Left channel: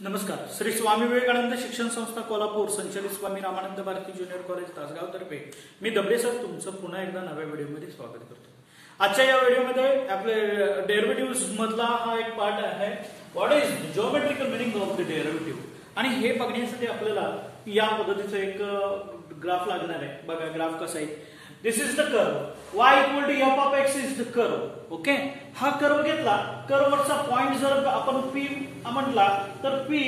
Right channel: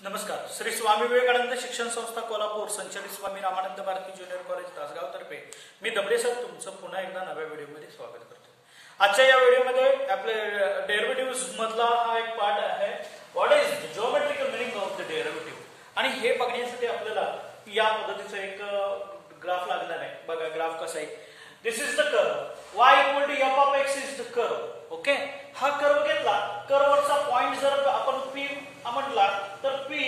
नमस्कार. श्री स्वामी विवेकानंद शिक्षण संस्था कोल्हापूर संचालित स्वामी रामानंद भारती ज्युनियर कॉलेज तासगाव तर्फे मी दबरे सर तुमचं पुन्हा एकदा नव्या व्हिडिओमध्ये स्वागत करतो. आजच्या या व्हिडिओमध्ये आपले डेरिव्हेटिव्ह मधला हा एक पार्ट आहे. What is the geometrical meaning of the derivative, आणि हे बघण्यासाठी आपल्याला या पद्धतीचा एक ग्राफ लागणार आहे. बघा ग्राफ कसा आहे. This is the curve y equal to f of x is the curve. Okay, हा कर्व घेतला. कर्ववरचा पॉइंट जर आपण p म्हटला तर p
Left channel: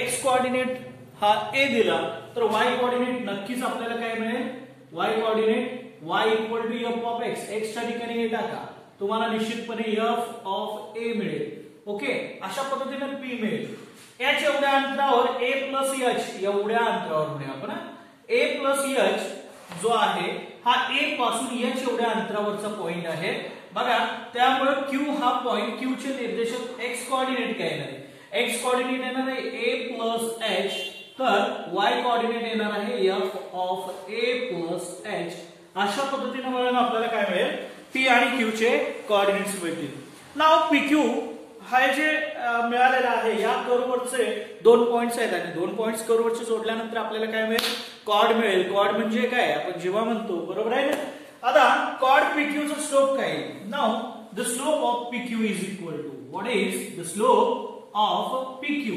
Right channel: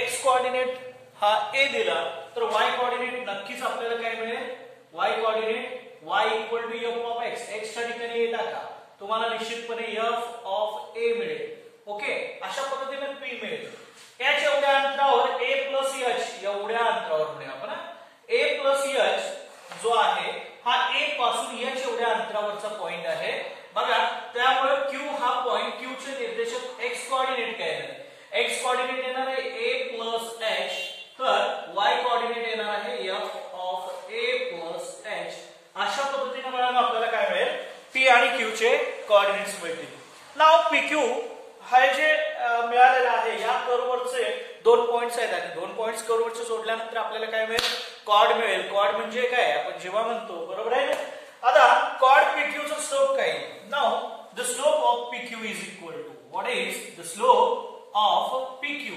x कोऑर्डिनेट हा a दिला तर y कोऑर्डिनेट नक्कीच आपल्याला काय मिळेल. y coordinate y equal to f of x, x च्या ठिकाणी a टाका, तुम्हाला निश्चितपणे f ऑफ a मिळेल. ओके, अशा पद्धतीने p मिळेल. h एवढ्या अंतरावर a प्लस h एवढ्या अंतरावर म्हणूया आपण a प्लस h जो आहे हा a पासून h एवढ्या अंतरावरचा पॉइंट आहे. बघा, त्यामुळे q हा पॉइंट, q चे निर्देशक x कोऑर्डिनेट काय येणार आहे. x कोऑर्डिनेट येणार आहे a प्लस h, तर y कोऑर्डिनेट येणार आहे f of a plus h. अशा पद्धतीने मिळून आपल्याला काय मिळेल, p आणि q चे कोऑर्डिनेट्स मिळतील. नाव pq हा जे मिळालेला आहे या कर्ववरचे दोन पॉइंट्स आहेत आणि दोन पॉइंट्स कर्ववरचे जोडल्यानंतर आपल्याला काय मिळेल, कॉर्ड मिळेल. कॉर्ड म्हणजे काय, आपण जेव्हा म्हणतो, बरोबर आहे ना. आता कॉर्ड pq चा स्लोप काय आहे. Now the slope of pq is equal to, what is the slope of pq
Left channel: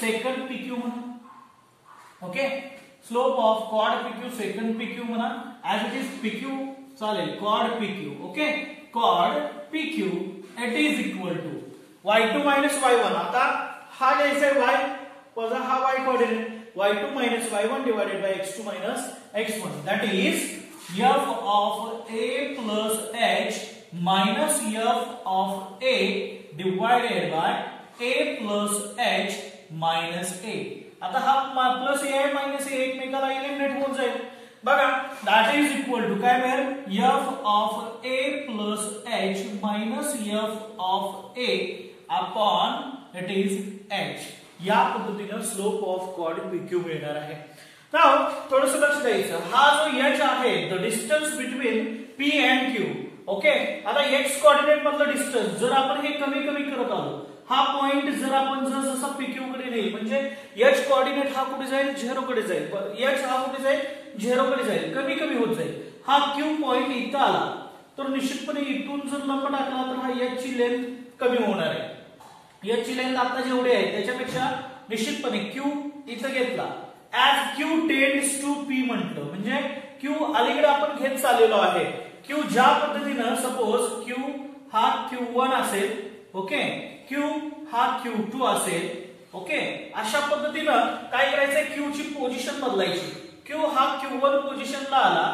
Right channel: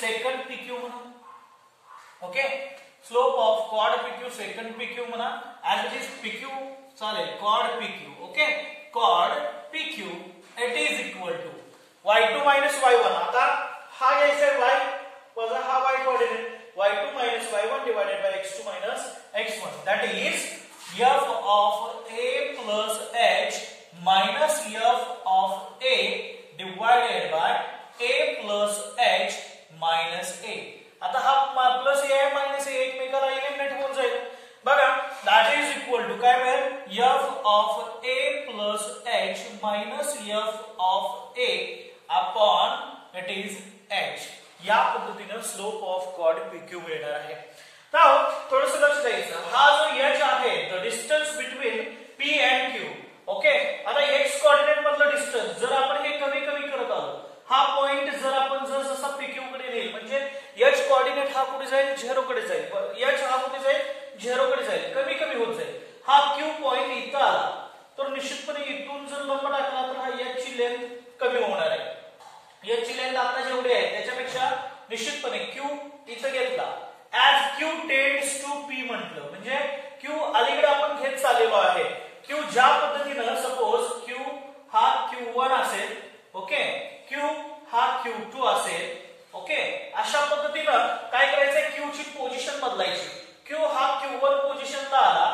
second pq म्हणा. Okay, slope of chord pq second pq म्हणा. ऍज इट इज pq चालेल, chord pq. Okay, chord pq it is equal to y2 minus y1. आता हा घ्यायचा आहे y वजा हा y coordinate, y2 minus y1 divided by x2 minus x1, that is f of a plus h minus f of a divided by a plus h minus a. आता हा plus a minus a एकमेकाला eliminate होऊन जाईल. बघा, that is equal to काय मिळेल, f of a plus h minus f of a upon it is h. या पद्धतीने स्लोप ऑफ कॉर्ड pq मिळणार आहे. तर थोडंसं लक्ष द्यायचं, हा जो h आहे the distance between p and q. Okay, आता x कोऑर्डिनेट मधलं डिस्टन्स जर आपण हे कमी कमी करत आलो, हा पॉइंट जर आपण जसा pq कडे नेईल म्हणजे h कोऑर्डिनेट हा कुठे जाईल, 0 कडे जाईल. h हा कुठे जाईल, 0 कडे जाईल, कमी कमी होत जाईल. हा q पॉइंट इथं आला तर निश्चितपणे इथून जर लंब टाकला तर हा h ची लेंथ कमी होणार आहे. h ची लेंथ आता जेवढी आहे त्याच्यापेक्षा निश्चितपणे q इथं घेतला. As q tends to p म्हटलं म्हणजे q अलीकडे आपण घेत चाललेलो आहे. q ज्या पद्धतीनं सपोज q हा q1 असेल, ओके, q हा q2 असेल. ओके, अशा पद्धतीनं काय करायचंय, q ची पोझिशन बदलायची. q हा q1 पोझिशनला आला,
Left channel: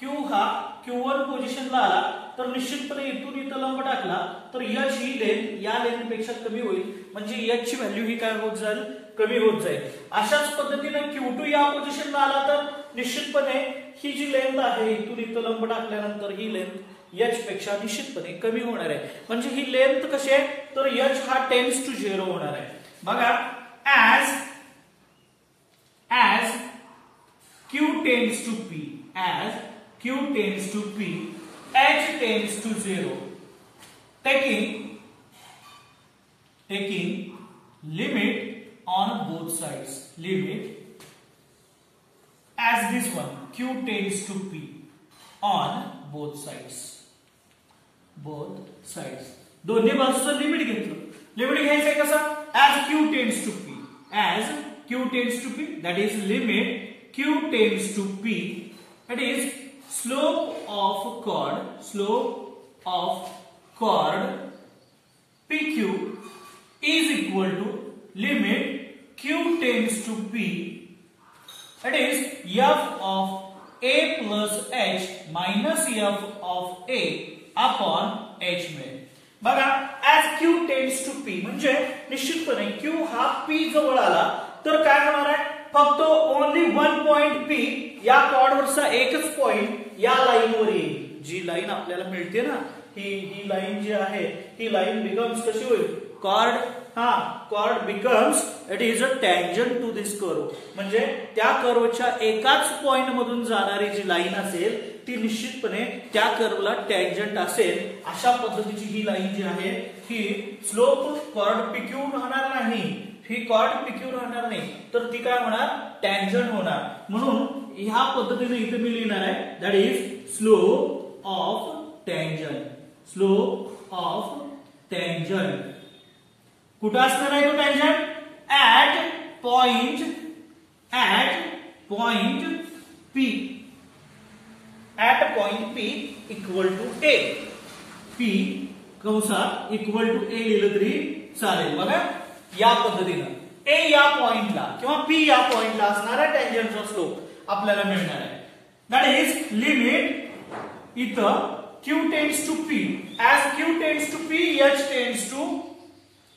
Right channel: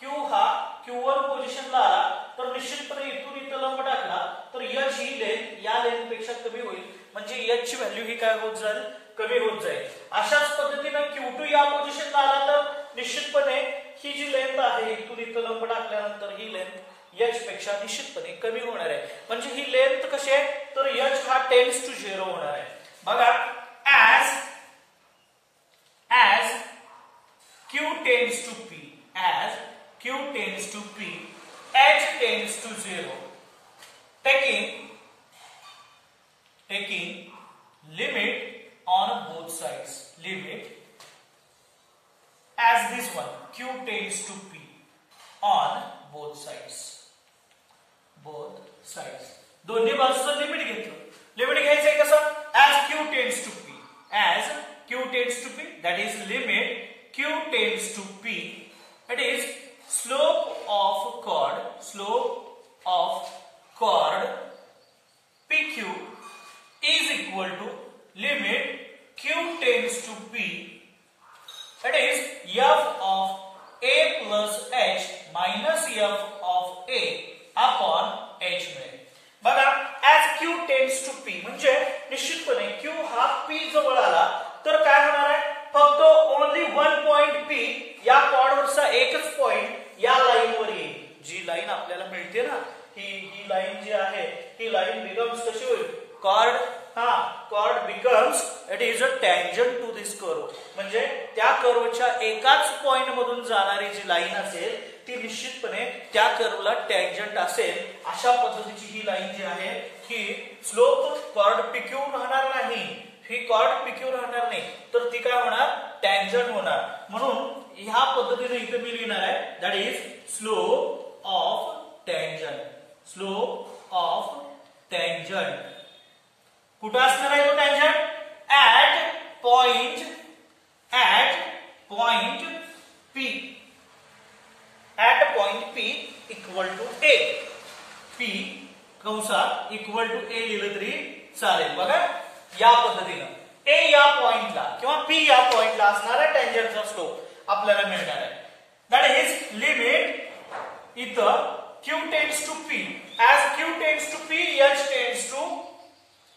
q हा q1 पोझिशनला आला तर निश्चितपणे इथून इथं लंब टाकला तर h ही लेंथ या लेंथ पेक्षा कमी होईल, म्हणजे h ची व्हॅल्यू ही काय होत जाईल, कमी होत जाईल. अशाच पद्धतीने q2 या पोझिशनला आला तर निश्चितपणे ही जी लेंथ आहे इथून इथं लंब टाकल्यानंतर ही लेंथ h पेक्षा निश्चितपणे कमी होणार आहे. म्हणजे ही लेंथ कशी आहे तर h हा टेंड्स टू 0 होणार आहे. बघा, as q tends to p, as q tends to p, h tends to 0, taking limit on both sides, limit as this one, q tends to p on both sides, दोन्ही बाजूचं limit घेतलं. Limit घ्यायचंय कसं, as q tends to p, as q tends to p, that is limit q tends to p, it is slope of chord pq is equal to limit q tends to p, it is f of a plus h minus f of a upon h मिळेल. बघा, as q tends to p म्हणजे निश्चितपणे q हा p जवळ आला तर काय होणार आहे, फक्त ओनली वन पॉइंट p या कॉर्डवरचा एकच पॉइंट या लाईनवर येईल. जी लाईन आपल्याला मिळते ना, ही लाईन जी आहे ही लाईन बिकम्स कशी होईल, chord. Chord becomes it is a tangent to this curve, म्हणजे त्या कर्वच्या एकाच पॉइंट मधून जाणारी जी लाईन असेल ती निश्चितपणे त्या कर्वला टँजंट असेल. अशा पद्धतीची ही लाईन जी आहे ही स्लोप कॉर्ड pq राहणार नाही, ही कॉर्ड पीक्यू राहणार नाही, तर ती काय होणार, टँजंट होणार. म्हणून ह्या पद्धतीने इथे मी लिहिणार आहे, that is slope of tangent. Slope of tangent कुठं असणार आहे तो tangent? At point P. At point P equal to A. P कंसात इक्वल टू A लिहिलं तरी चालेल. बघा या पद्धतीनं A या पॉइंटला किंवा P या पॉइंटला असणारा टँजंटचा स्लोप आपल्याला मिळणार आहे. दॅट इज लिमिट इथं Q tends to P. As Q tends to P, H tends to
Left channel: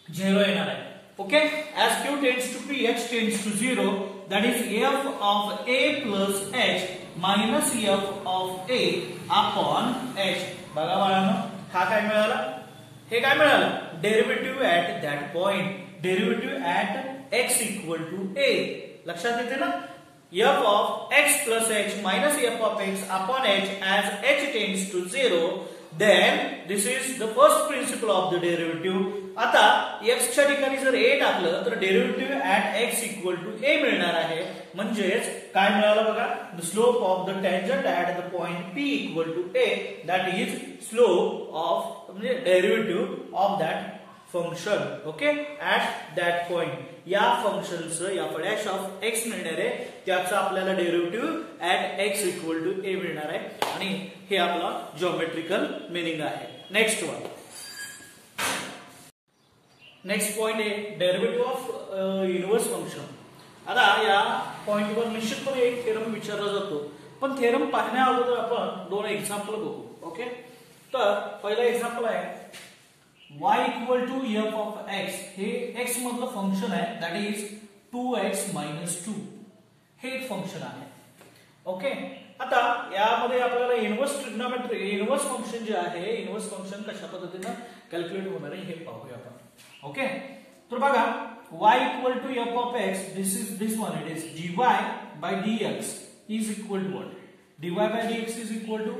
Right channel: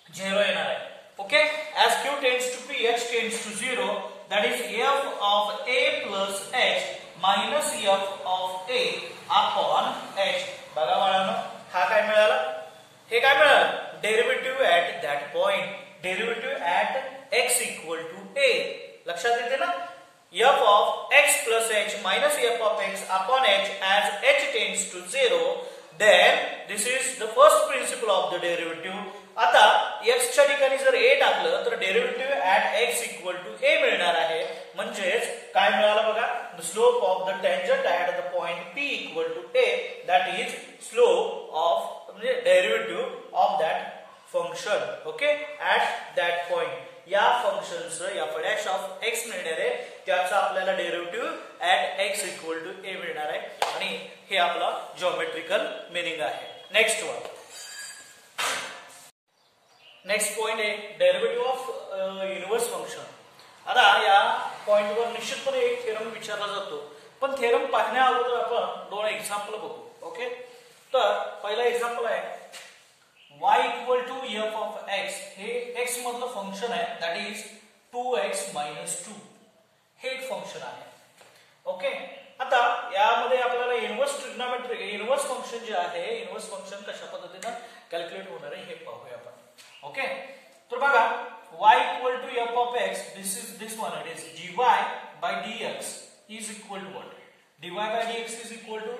0 येणार आहे. Okay, as Q tends to P, H tends to 0, that is f of A plus H minus f of A upon H. बघा मला हा काय मिळाला, हे काय मिळालं, derivative at that point, derivative at x equal to A. लक्षात येते ना, f of x plus H minus f of x upon H as H tends to 0, then this is the first principle of the derivative. आता x च्या ठिकाणी जर a टाकलं तर derivative at x equal to a मिळणार आहे. म्हणजेच काय मिळालं बघा, the slope of the tangent at the point p equal to a, that is slope of म्हणजे derivative of that function. Okay, at that point या फंक्शनचं या डॅश ऑफ x मिळणार आहे, त्याचा आपल्याला derivative at x equal to a मिळणार आहे. आणि हे आपला जिओमेट्रिकल मिनिंग आहे. नेक्स्ट वन, नेक्स्ट पॉइंट आहे डेरिव्हेटिव्ह ऑफ इनव्हर्स फंक्शन. आता या पॉइंटवर निश्चितपणे एक थेरम विचारला जातो, पण थेरम पाहण्या अगोदर आपण दोन एक्झाम्पल बघू. ओके, तर पहिला एक्झाम्पल आहे y equal to f of x. हे x मधलं फंक्शन आहे, दॅट इज 2x मायनस 2. हे एक फंक्शन आहे. ओके, आता यामध्ये आपल्याला इनव्हर्स ट्रिग्नोमेट्री, इनव्हर्स फंक्शन जे आहे, इनव्हर्स फंक्शन कशा पद्धतीने कॅल्क्युलेट होणार आहे हे पाहूया आपण. ओके, तर बघा y equal to f of x, this one it is dy by dx is equal to what? dy by dx is equal to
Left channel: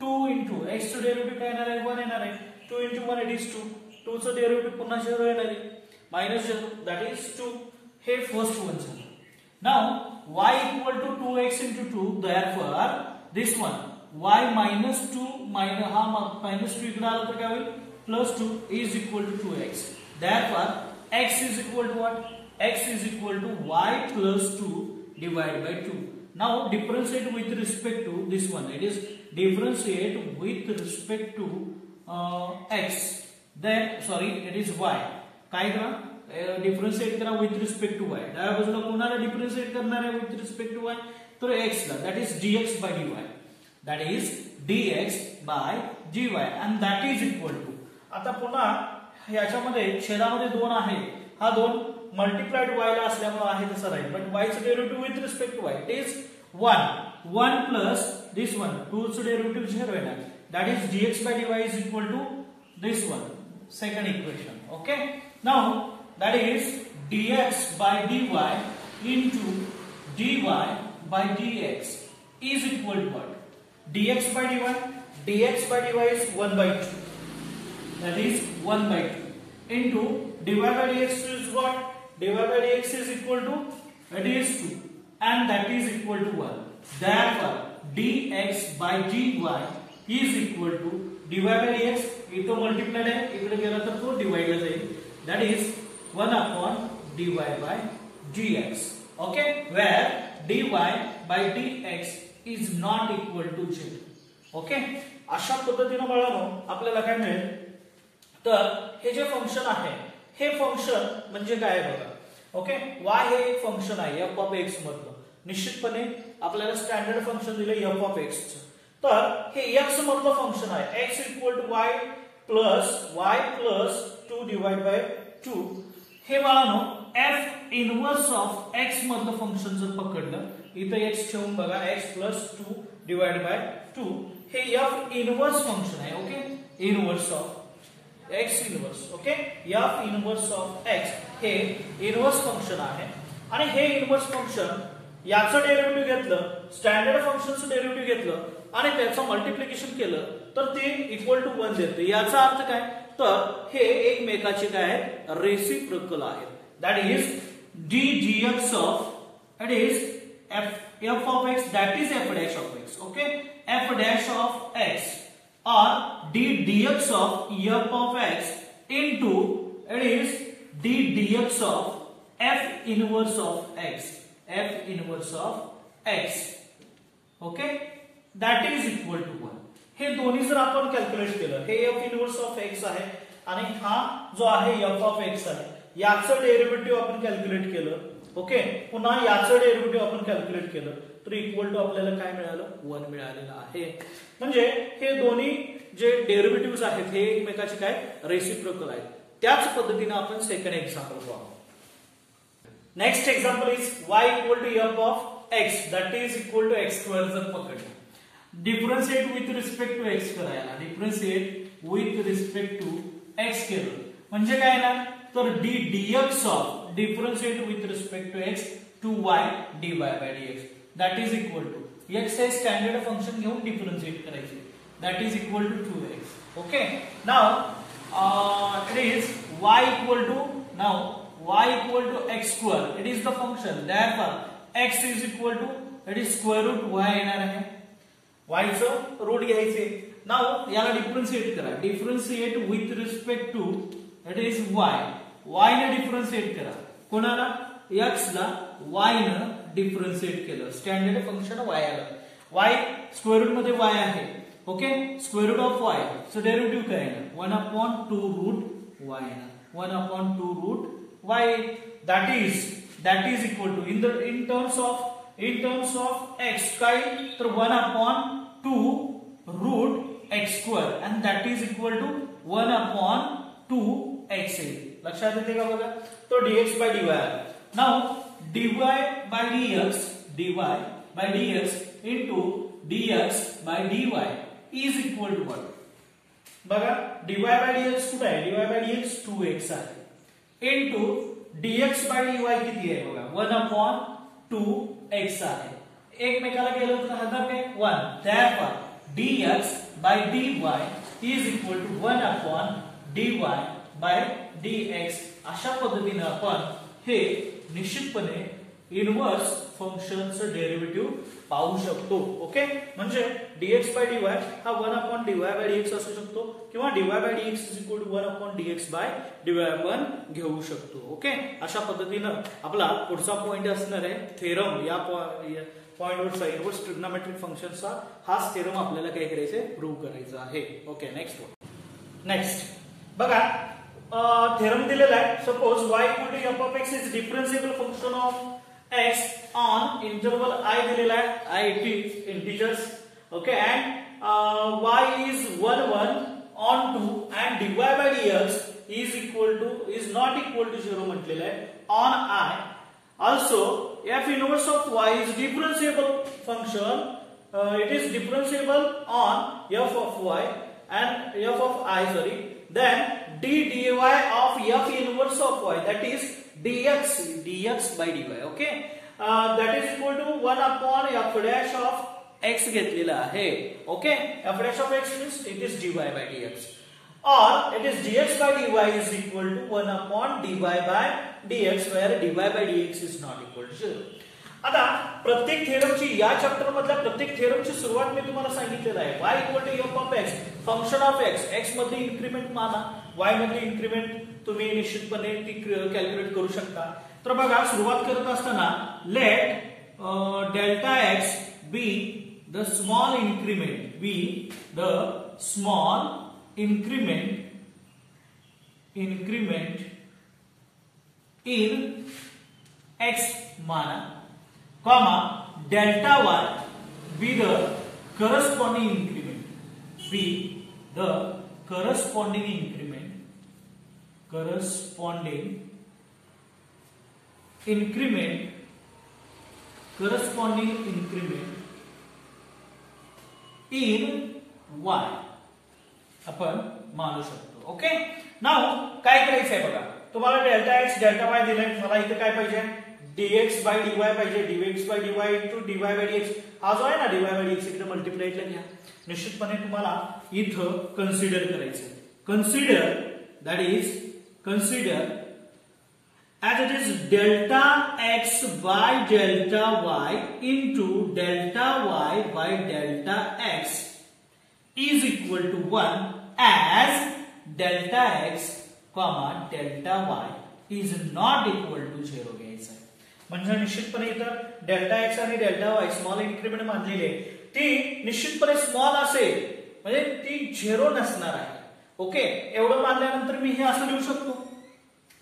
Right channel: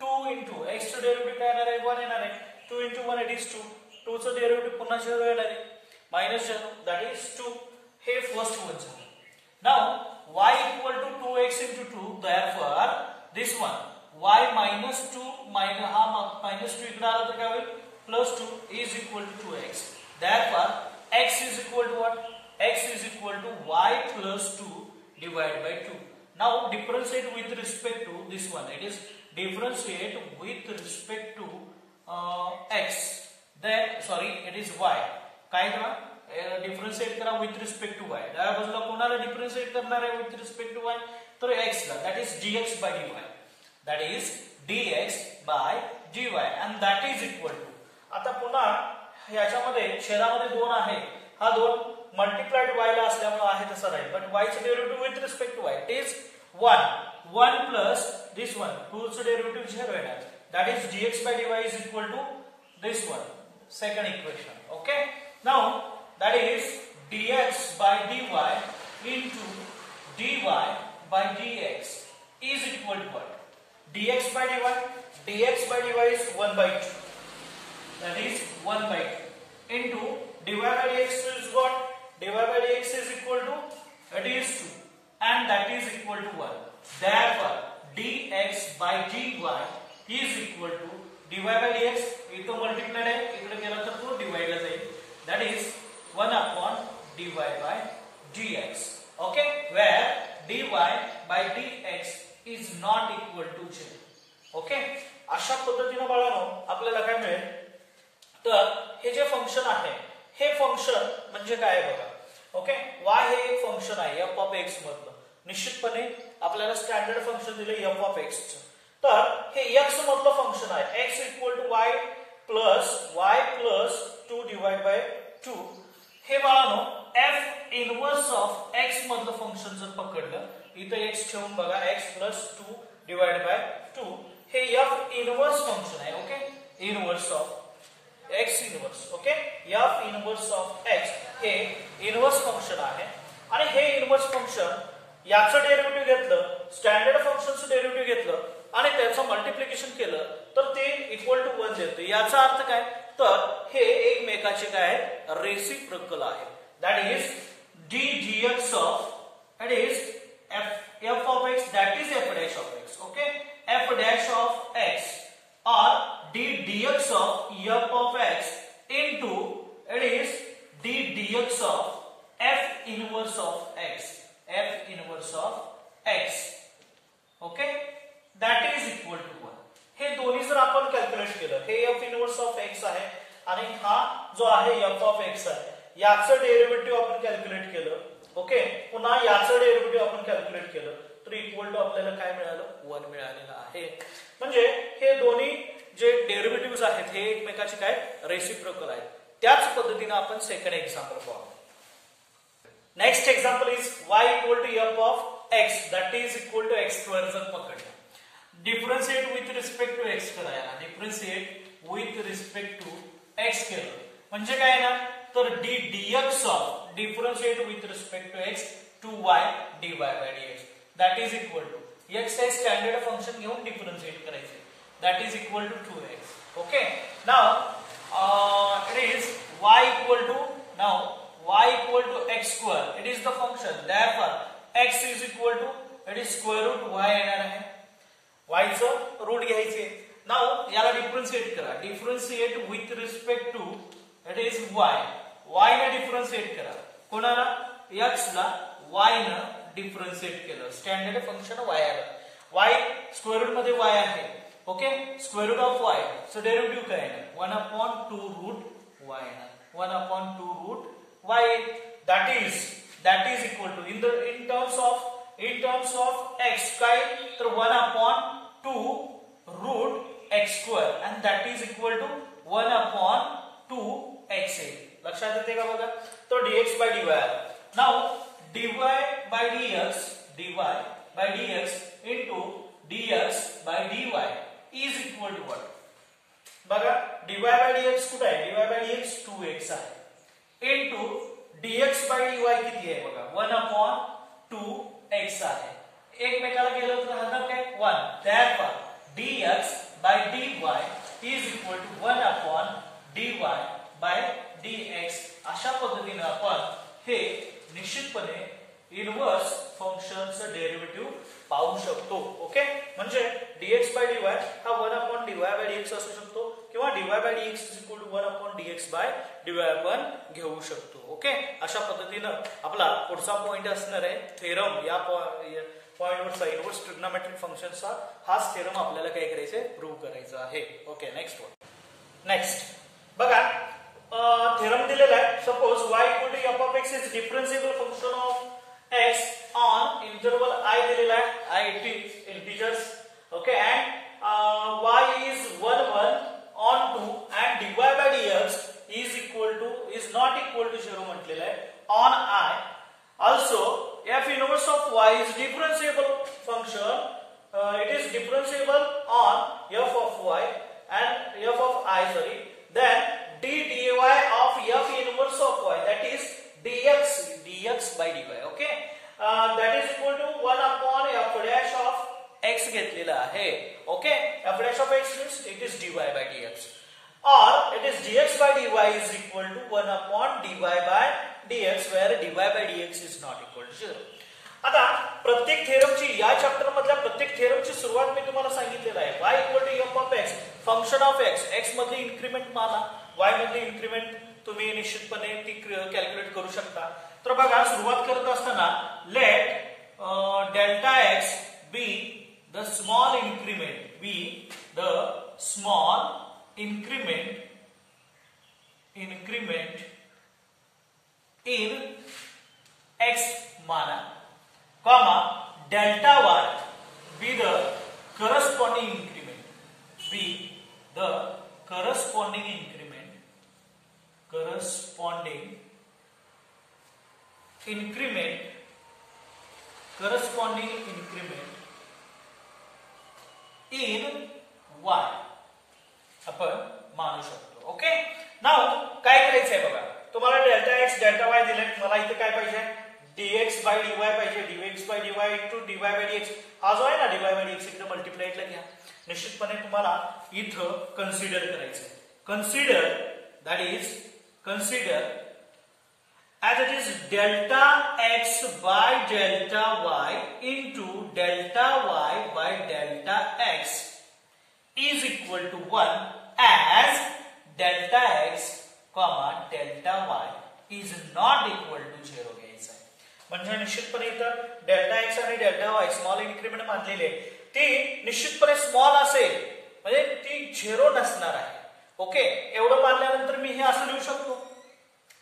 2 into x चं डेरिव्हेटिव्ह काय येणार आहे, 1 येणार आहे. 2 into 1 it is 2. 2 चं डेरिव्हेटिव्ह पुन्हा 0 येणार आहे, मायनस 0, दॅट इज 2. हे फर्स्ट वन झालं. Now y equal to 2x into 2, therefore this one y minus 2 minus हा minus 2 इकडे आला तर काय होईल, plus 2 is equal to 2x. Therefore x is equal to what? X is equal to y plus 2 divided by 2. Now differentiate with respect to this one. It is differentiate with respect to x. Then sorry, it is y. काय करा, differentiate करा with respect to y. डाव्या बाजूला कोणाला differentiate करणार आहे with respect to y, तर x ला. That is dx by dy. That is dx by dy and that is equal to. आता पुन्हा याच्यामध्ये छेदामध्ये 2 आहे, हा 2 मल्टिप्लाइड y ला असल्यामुळे आहे तसा राहील, बट y चे derivative with respect to y it is 1 plus this one, 2 चे डेरिव्हेटिव्ह 0 येणार. That is dx by dy is equal to this one, second equation. Okay, now that is dx by dy into dy by dx is equal to what? dx by dy, dx by dy is 1 by 2, that is 1 by 2 into dy by dx is what? dy by dx is equal to, that is 2 and that is equal to 1. Therefore dx by dy is equal to dy by dx, इथं multiplied आहे, इकडे गेला तर तो डिवाइडला जाईल. That is 1 upon dy by dx. Okay, where dy by dx is not equal to 0. Okay, अशा पद्धतीने बाळांनो आपल्याला काय मिळेल, तर हे जे फंक्शन आहे हे फंक्शन म्हणजे काय बघा. ओके, y हे एक फंक्शन आहे f of x मधलं. निश्चितपणे आपल्याला स्टँडर्ड फंक्शन दिलं f of x चं, तर हे x मधलं फंक्शन आहे. x equal to y plus 2 divide by 2. हे बाळांनो f इनवर्स ऑफ x मधलं फंक्शन जर पकडलं, इथं x ठेवून बघा, x प्लस 2 डिवाइड बाय 2, हे f इनवर्स फंक्शन आहे. Okay, inverse of x inverse. Okay, f inverse of x हे इनवर्स फंक्शन आहे. आणि हे इनवर्स फंक्शन याचं डेरिव्हेटिव्ह घेतलं, स्टँडर्ड फंक्शनचं डेरिव्हेटिव्ह घेतलं आणि त्याचं मल्टिप्लिकेशन केलं तर ते इक्वल टू 1 देते. याचा अर्थ काय, तर हे एकमेकाचे काय आहे, रेसिप्रोकल आहे. that is d dx of, it is f of x, that is f dash of x. Okay, f dash of x or d dx of f of x into, it is d dx of f inverse of x, f inverse of x. Okay, that is equal to 1. हे दोन्ही जर आपण calculate केलं, हे f inverse of x आहे आणि हा जो आहे f ऑफ x आहे, याचं डेरिव्हेटिव्ह आपण कॅल्क्युलेट केलं. ओके, पुन्हा याचं डेरिव्हेटिव्ह आपण कॅल्क्युलेट केलं तर इक्वल टू आपल्याला काय मिळालं, 1 मिळालेलं आहे. म्हणजे हे दोन्ही जे डेरिव्हेटिव्ह आहेत हे एकमेकाचे काय रेसिप्रोकल आहेत. त्याच पद्धतीने आपण सेकंड एक्झाम्पल पाहू. Next example is y equal to f of x, that is equal to x square जर पकडलं, differentiate with respect to x करायला, differentiate with respect to x केलं म्हणजे काय ना, तर d dx of differentiate with respect to x to y dy by dx, that is equal to x हे standard function घेऊन डिफरन्शिएट करायचे, that is equal to 2x. Okay, now it is y equal to, now y equal to x square, it is the function, therefore x is equal to, it is square root y येणार आहे, y चं route घ्यायचे. Now याला differentiate करा, differentiate with respect to, it is y ने differentiate करा, कोणाला, x ला y ने डिफरन्शिएट केलं, स्टँडर्ड फंक्शन y आलं, y स्क्वेअर रूट मध्ये y आहे. Okay, square root of y, so derivative काय आहे, 1/2 रूट y येणार, 1/2 root y, that is equal to in terms of x काय, तर 1/2 root x square and that is equal to 1/2 x. लक्षात येते का बघा, तो dx by dy आला. Now dy by dx into dx by dy is equal to what, बघा dy by dx कुठे आहे, dy by dx 2x आहे into dx by dy किती आहे बघा, 1/2x आहे. एकमेकाला केलं तर राहणार काय, 1. therefore dx by dy is equal to 1/dy by dx. अशा पद्धतीने आपण हे निश्चितपणे इनवर्स फंक्शनचं डेरिव्हेटिव्ह पाहू शकतो. ओके, म्हणजे dx by dy हा 1/dy by dx असू शकतो किंवा dy by dx is equal to 1/dx by dy आपण घेऊ शकतो. ओके, अशा पद्धतीनं आपला पुढचा पॉइंट असणार आहे थेरम. या पॉइंटवरचा इनवर्स ट्रिग्नोमेट्रिक फंक्शनचा हाच थेरम आपल्याला काय करायचंय, प्रूव्ह करायचा आहे. ओके, नेक्स्ट बघा, थेरम दिलेला आहे. Suppose y equal to f of x is differentiable function of x on interval I दिलेला आहे, I it is integers. Okay, and y is 1 on 2 and dy by dx is not equal to 0 म्हटलेलं आहे on I. Also f inverse of y is differentiable function, it is differentiable on f of y and f of I, sorry, then d dy of f inverse of y, that is dx by dy. Okay, that is equal to 1/f dash of x घेतलेला आहे. Okay, f dash of x means it is dy by dx, or it is dx by dy is equal to 1/dy by dx, where dy by dx is not equal to 0. आता प्रत्येक थेरमची, या chapter मधल्या प्रत्येक थेरमची सुरुवात मी तुम्हाला सांगितलेलं आहे. y equal to f of x, function of x मध्ये इन्क्रीमेंट माना, y मध्ये इन्क्रीमेंट तुम्ही निश्चितपणे ती कॅल्क्युलेट करू शकता. तर बघा, सुरुवात करत असताना let delta x be the small increment, in x माना, comma delta y be the corresponding increment, in y आपण मानू शकतो. ओके, नाउ काय करायचंय बघा, तुम्हाला डेल्टा x डेल्टा y दिले, मला इथे काय पाहिजे, dx by dy पाहिजे, dx by dy into dy by dx. हा जो आहे ना dy by dx इकडे मल्टिप्लायला घ्या. निश्चितपणे तुम्हाला इथं कन्सिडर करायचंय. Consider as it is delta x by delta y into delta y by delta x is equal to 1 as delta x comma delta y is not equal to 0 घ्यायचा आहे. म्हणजे निश्चितपणे इथं डेल्टा एक्स आणि delta y small increment मानलेली आहे ती निश्चितपणे small असेल म्हणजे ती 0 नसणार आहे. ओके, एवढं मानल्यानंतर मी हे असं लिहू शकतो.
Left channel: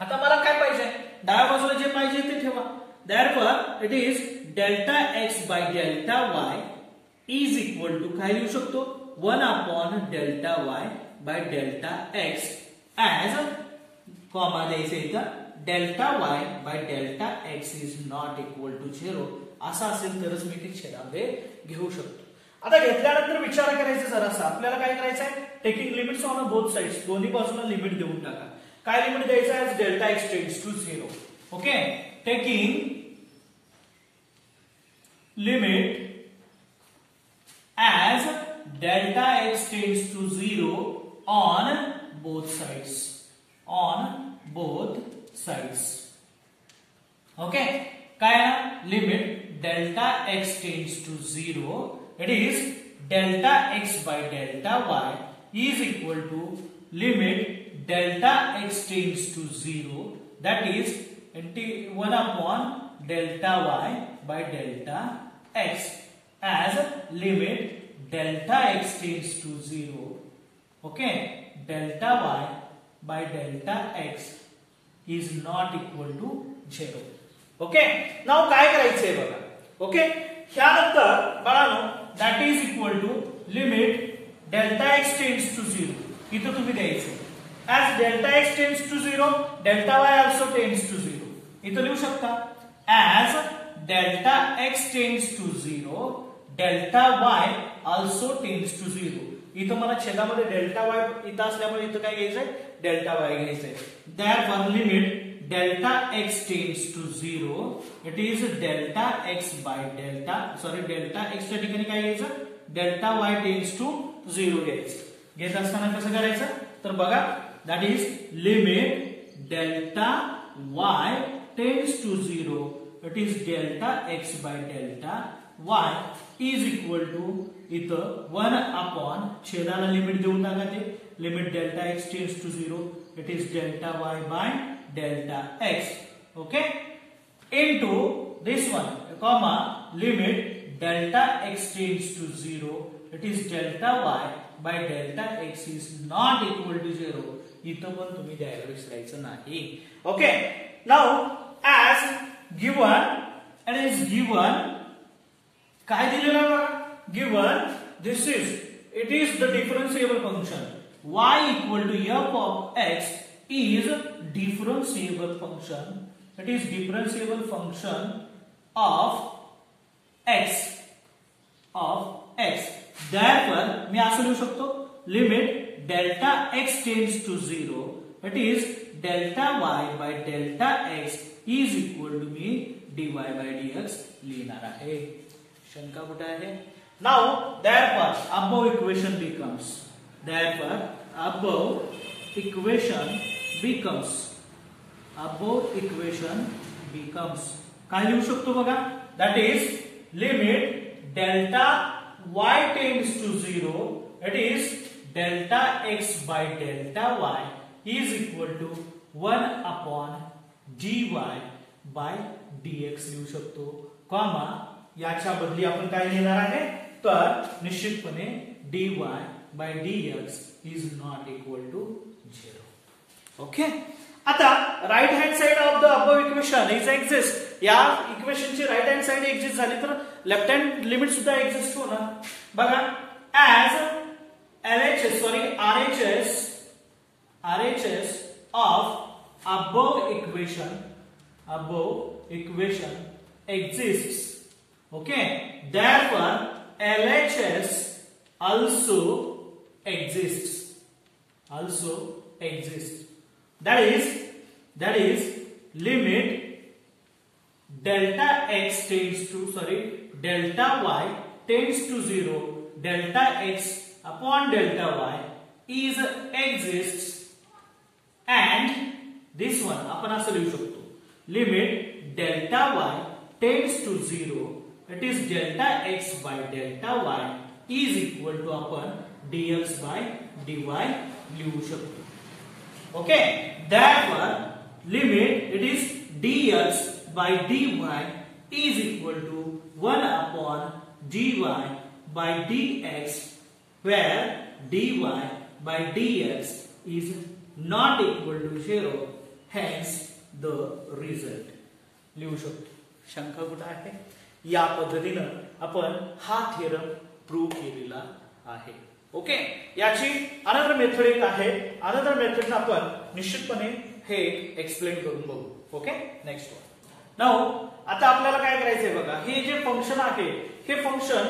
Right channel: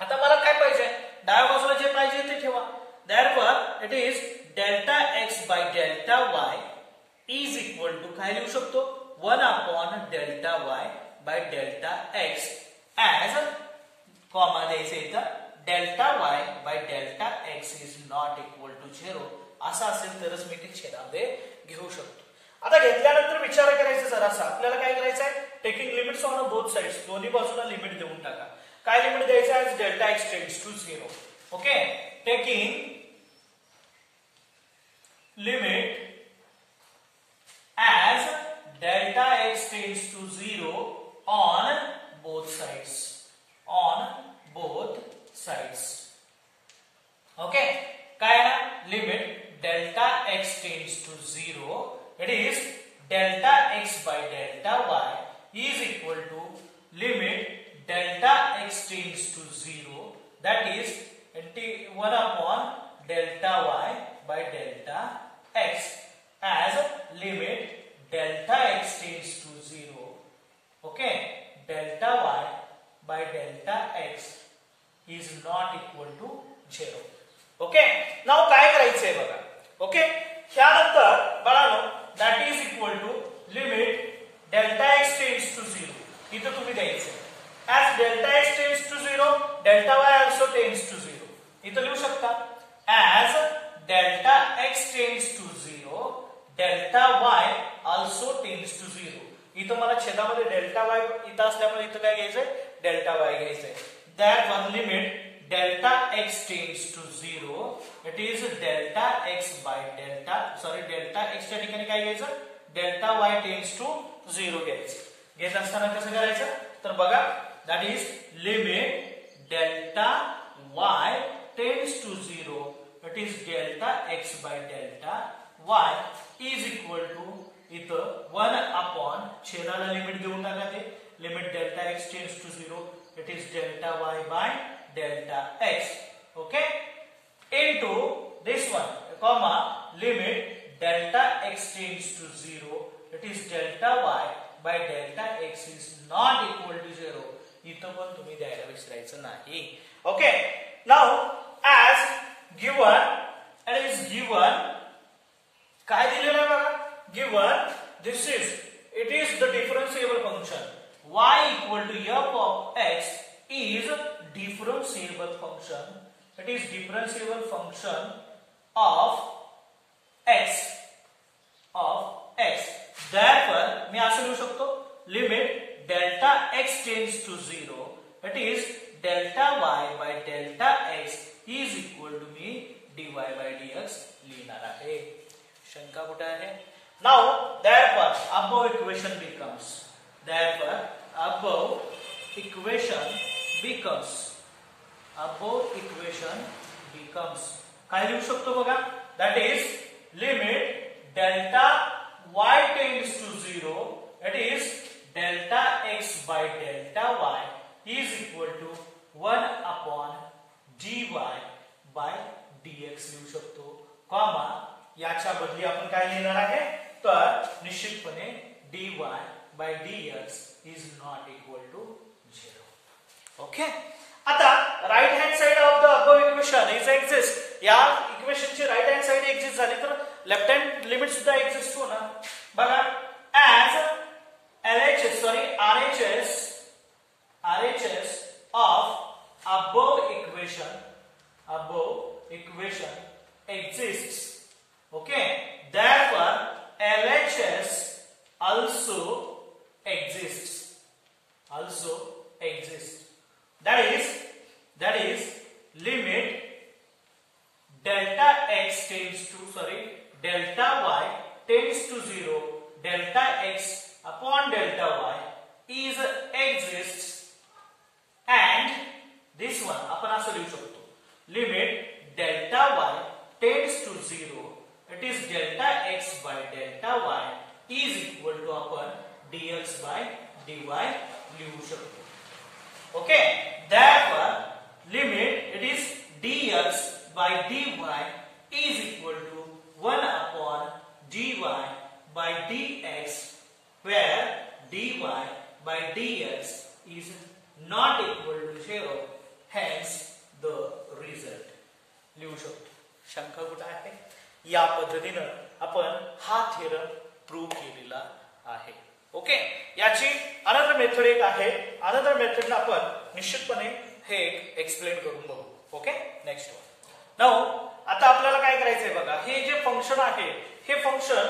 आता मला काय पाहिजे, डाव्या बाजूला जे पाहिजे ते ठेवा. therefore it is delta x by delta y is equal to काय लिहू शकतो 1 upon delta y by delta x as comma द्यायचं इथं delta y by delta x is not equal to 0 असं असेल तरच मी ती छेदामध्ये घेऊ शकतो. आता घेतल्यानंतर विचार करायचा जरासा आपल्याला काय करायचं आहे, taking limits on both sides, दोन्ही बाजूला लिमिट देऊन टाका. काय लिमिट द्यायचं आहे, delta x tends to 0. Okay, taking limit as delta x tends to 0 on both sides, on both sides. Okay, काय limit delta x tends to 0, it is delta x by delta y is equal to limit delta x tends to 0, that is 1 upon delta y by delta x as limit delta x tends to 0. Okay, delta y by delta x is not equal to 0. Okay, नाव काय करायचंय बघा. Okay, त्यानंतर बाळांनो that is equal to limit delta x tends to 0 इथं तुम्ही द्यायचं. As delta x tends to 0 delta y also tends to 0 इथं लिहू शकता. As delta x tends to 0 delta y also tends to 0 इथं मला छेदामध्ये डेल्टा वाय इथं असल्यामुळे इथं काय घ्यायचंय डेल्टा वाय घ्यायचंय. therefore limit delta x tends to 0, it is delta x by delta delta x च्या ठिकाणी काय घ्यायचं delta y tends to 0 घ्यायचं. घेत असताना कसं करायचं तर बघा that is limit delta y tends to 0, it is delta x by delta y is equal to इथं 1 upon छेदाला लिमिट देऊन टाका ते limit delta x tends to 0, it is delta y by delta x. Okay, into this one comma limit delta x tends to 0, it is delta y by delta x is not equal to 0. इथं पण तुम्ही द्यायला विसरायचं नाही. Okay, now as given and is given काय दिलेलं आहे बघा, given this is it is the differentiable function y equal to f of x is differentiable function, it is differentiable function of x therefore मी असं लिहू शकतो limit delta x tends to 0, it is delta y by delta x is equal to me dy by dx लिहिणार आहे. शंका कुठे आहे. now therefore above equation becomes काय लिहू शकतो बघा that is limit delta y tends to 0, it is delta x by delta y is equal to 1 upon dy by dx लिहू शकतो. कॉमा याच्या बदली आपण काय लिहिणार आहे तर निश्चितपणे dy by dx is not equal to 0. Okay, आता right hand side of the above equation is exist. या इक्वेशनची राइट हँड साइड एक्झिस्ट झाली तर लेफ्ट हँड लिमिट सुद्धा एक्झिस्ट होणार. बघा as RHS of above equation exists. Okay, therefore LHS also exists. That is limit delta x tends to delta y tends to 0, delta x upon delta y exists and this one आपण असं लिहू शकतो limit delta y tends to 0, it is delta x by delta y is equal to आपण dx by dy लिहू शकतो. Okay, therefore limit it is dx by dy is equal to 1 upon dy by dx, where dy by dx is not equal to 0, hence the result. लिहू शकतो. शंका कुठे आहे? या पद्धतीने आपण हा थेरम प्रूव्ह केलेला आहे. ओके, याची अनदर मेथड एक आहे. अनदर मेथड आपण निश्चितपणे हे एक्सप्लेन करून बघू. Okay, next one. नाउ आता आपल्याला काय करायचंय बघा, हे जे फंक्शन आहे हे फंक्शन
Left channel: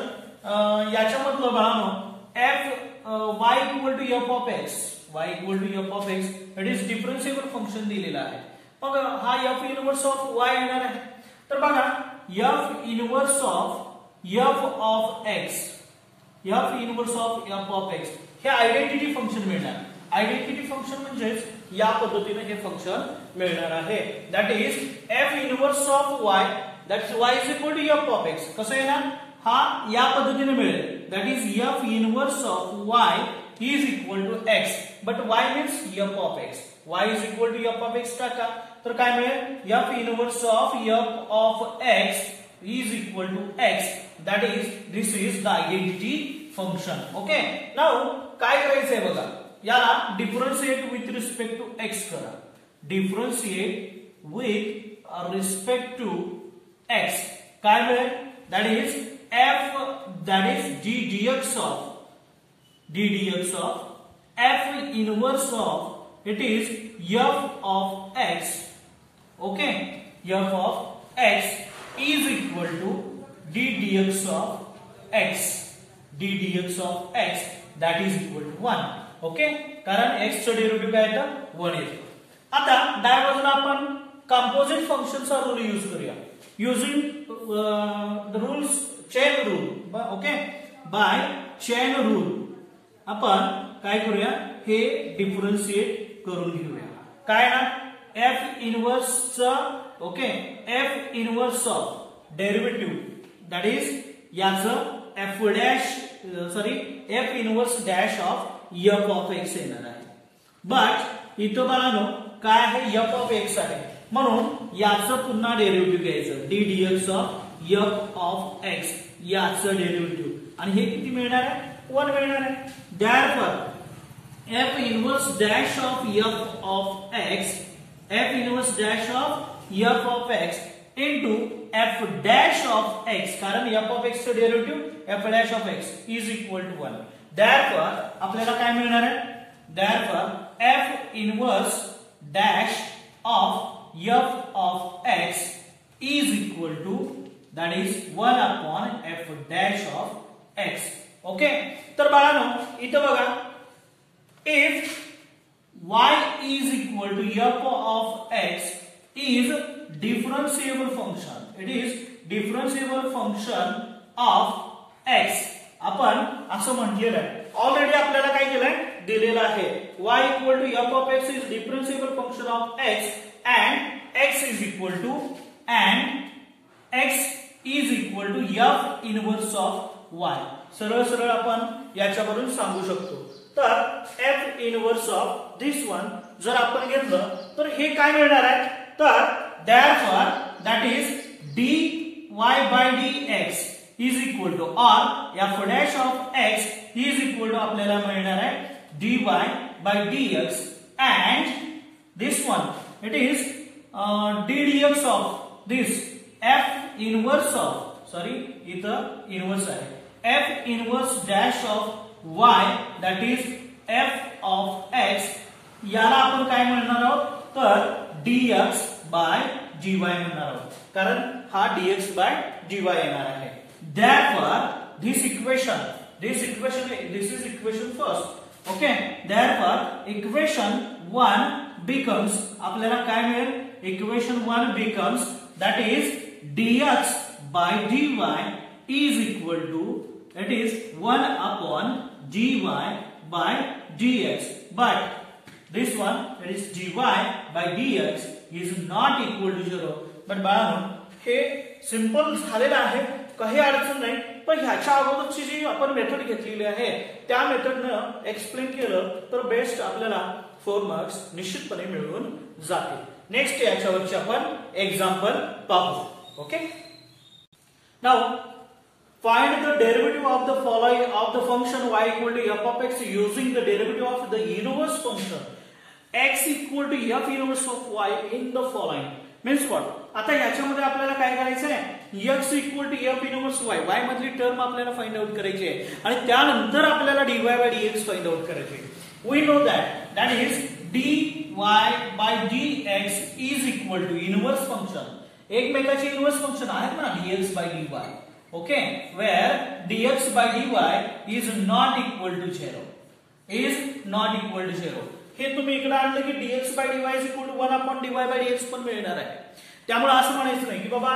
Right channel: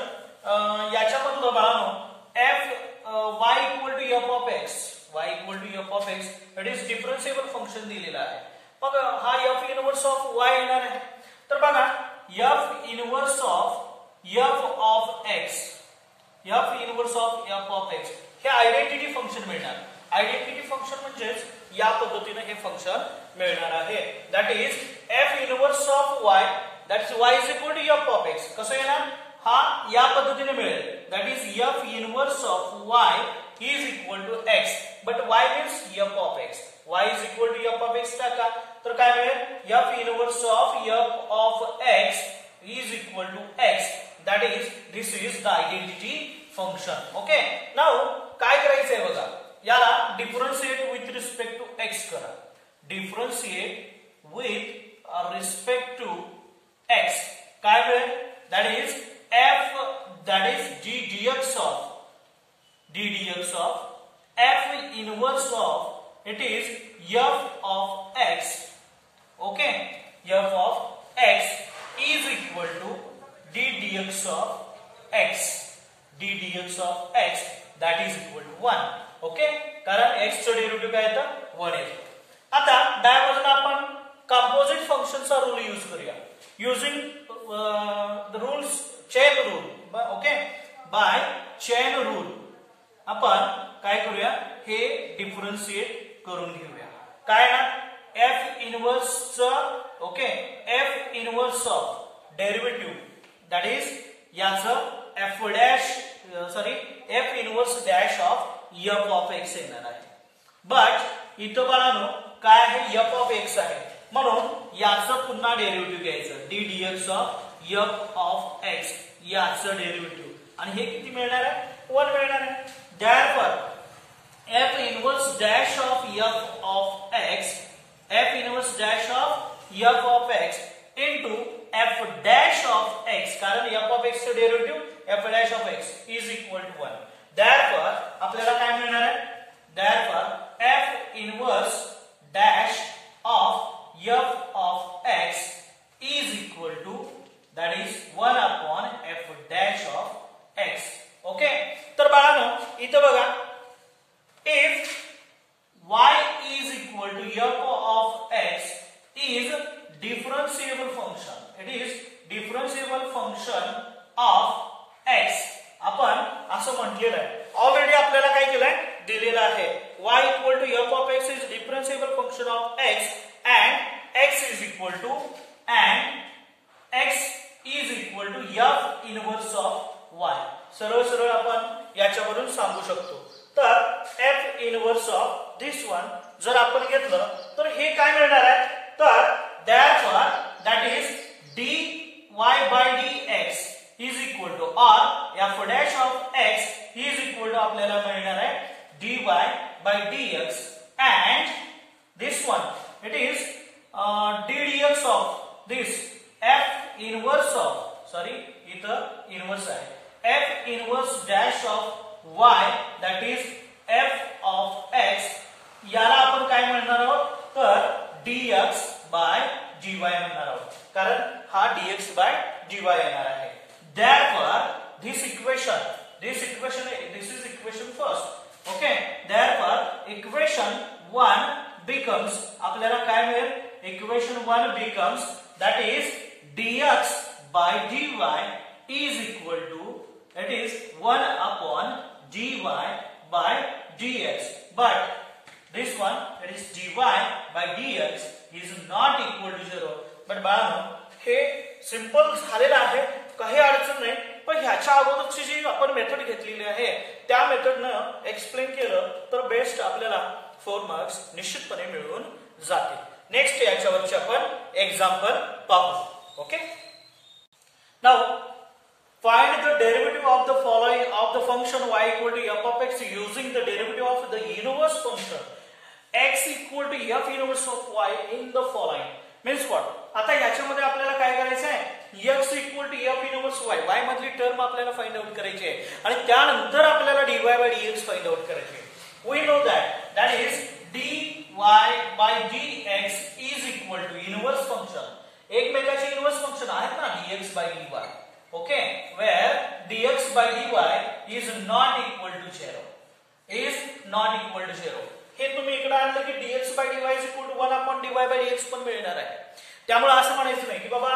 याच्यामधलं बाळांनो f y equal to f of x, y equal to f of x, it is differentiable function दिलेला आहे. मग हा f इनवर्स ऑफ y येणार आहे. तर बघा f inverse of x, f inverse of x हे आयडेंटिटी फंक्शन मिळणार. आयडेंटिटी फंक्शन म्हणजेच या पद्धतीने हे फंक्शन मिळणार आहे. That is f inverse of y, that's y is equal to f of x. कसं येणार? हा या पद्धतीने मिळेल. That is f inverse of y is equal to x, but y means f of x. y is equal to f of x टाका, तर काय मिळेल? f inverse of f of x is equal to x. That is, this is the identity function. Okay, now काय करायचंय बघा, याला differentiate with respect to x करा. Differentiate with respect to x काय मिळेल? That is f, that is ddx of f inverse of it is f of x. Okay, f of x is equal to ddx of x, ddx of x that is equal to 1. Okay, कारण x चं derivative काय येतं? 1 येतं. आता diversion आपण composite फंक्शनचा rule use करूया. Using the rules chain rule. Okay, by chain rule आपण काय करूया, हे डिफरन्शिएट करून घेऊया. काय ना, f इनवर्स च, okay, f inverse of derivative that is याचं f dash, sorry f inverse dash of f of x येणार आहे. बट इथं बाळांनो काय आहे? f ऑफ x आहे, म्हणून याचं पुन्हा डेरिव्हेटिव्ह घ्यायचं. ddx ऑफ x याचं डेरिव्हेटिव्ह, आणि हे किती मिळणार आहे? 1 मिळणार आहे. Therefore, f inverse dash of f of x, f inverse dash of f of x into f dash of x, कारण f of x चं derivative f dash of x is equal to 1. Therefore, आपल्याला काय मिळणार आहे? Therefore, f inverse dash of f of x is equal to, that is 1 upon f dash of x. Okay, तर बाळांनो इथं बघा, if y is equal to f of x is differentiable function, it is differentiable function of x. आपण असं म्हटलेलं आहे. Already आपल्याला काय केलंय? दिलेलं आहे. y equal to f of x is differentiable function of x and x is equal to f inverse of y. सरळ सरळ आपण याच्यावरून सांगू शकतो. तर f inverse of this one जर आपण घेतलं तर हे काय मिळणार आहे? तर therefore that is dy by dx is equal to, or f dash of x is equal to आपल्याला मिळणार आहे dy by dx, and this one it is ddx of this f inverse of, sorry इथं inverse आहे, f inverse dash of y that is f of x, याला आपण काय म्हणणार आहोत? तर dx by dy म्हणणार आहोत, कारण हा dx by dy येणार आहे. Therefore this is equation first. Okay, therefore equation 1 becomes, आपल्याला काय मिळेल? equation 1 becomes, that is dx by dy is equal to, it is 1 upon dy by dx, but this one, it is dy by dx is not equal to 0. But बाळांनो हे simple झालेलं आहे, काही अडचण नाही. पण ह्याच्या अगोदरची जी आपण मेथड घेतलेली आहे त्या मेथडनं एक्सप्लेन केलं तर बेस्ट आपल्याला 4 मार्क्स निश्चितपणे मिळून जातील. नेक्स्ट याच्यावरची आपण एक्झाम्पल पाहू. Okay, now find the derivative of the following of the function y equal to f of x using the derivative of the inverse function x equal to f inverse of y in the following. Means what, आता याच्यामध्ये आपल्याला काय करायचं आहे, x equal to f inverse y, y मधली term आपल्याला find out करायची आहे आणि त्यानंतर आपल्याला dy by dx find out करायची आहे. We know that is dy by dx is equal to inverse function, एकमेकाचे इनवर्स फंक्शन आहेत ना dx by dy. Okay, where dx by dy is not equal to 0, is not equal to 0. हे तुम्ही इकडे आणलं की dx by dy is equal to 1 upon dy by dx पण मिळणार आहे. त्यामुळे असं म्हणायचं नाही की बाबा